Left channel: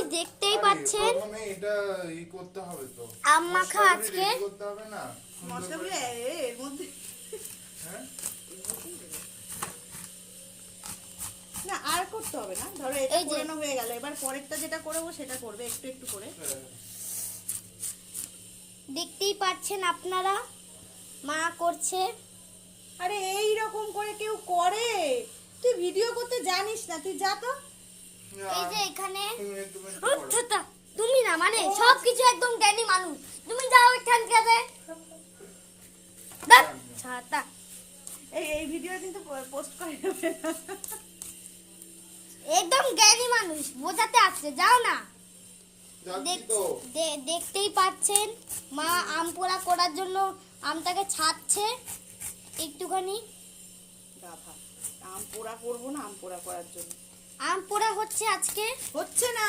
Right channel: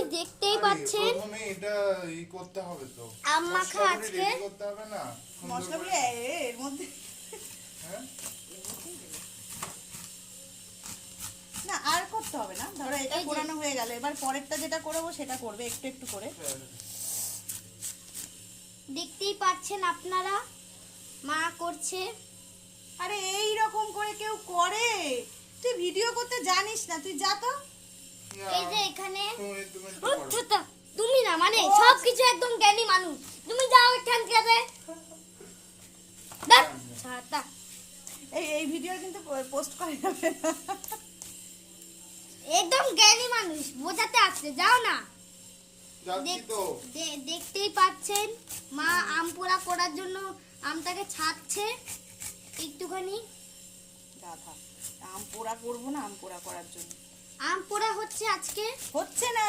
Guys দেখতেই পাচ্ছেন প্রথমে এটা ই করতে হবে তো আম মাখা আজকে করতে হবে না মশলাগুলো এর মধ্যে হ্যাঁ না আর করতে হবে না, ধরো এটা কোরানো হয়ে গেল, এবার পরেরটা যেটা করবো সেটা করবে একটু একটু করে। দেখতেই পাচ্ছেন আপনারা মা করছে। আরে এই রকম করে কেউ করে? তুই ভিডিও করতে জানিস না, তুই যা তো। এই যে এখানে তুমি তুমি না মানে সবকিছু একদম জ্ঞানী মানুষ, তুমি যাও এখান থেকে ছাতা এই ভিডিও কিন্তু পোস্ট করা যাবে না। একদম জ্ঞানী মানুষ বোঝাতে আসছে, যাও না। যাচ্ছি তো দেখতেই পাচ্ছেন মা আম পোড়া করার জন্য আমটাকে ছাড়ছে একটুখানি। গাধা, আম পোড়া করবো না, আম পোড়া করার জন্য আম পোড়া হচ্ছে আজকে। হচ্ছে না।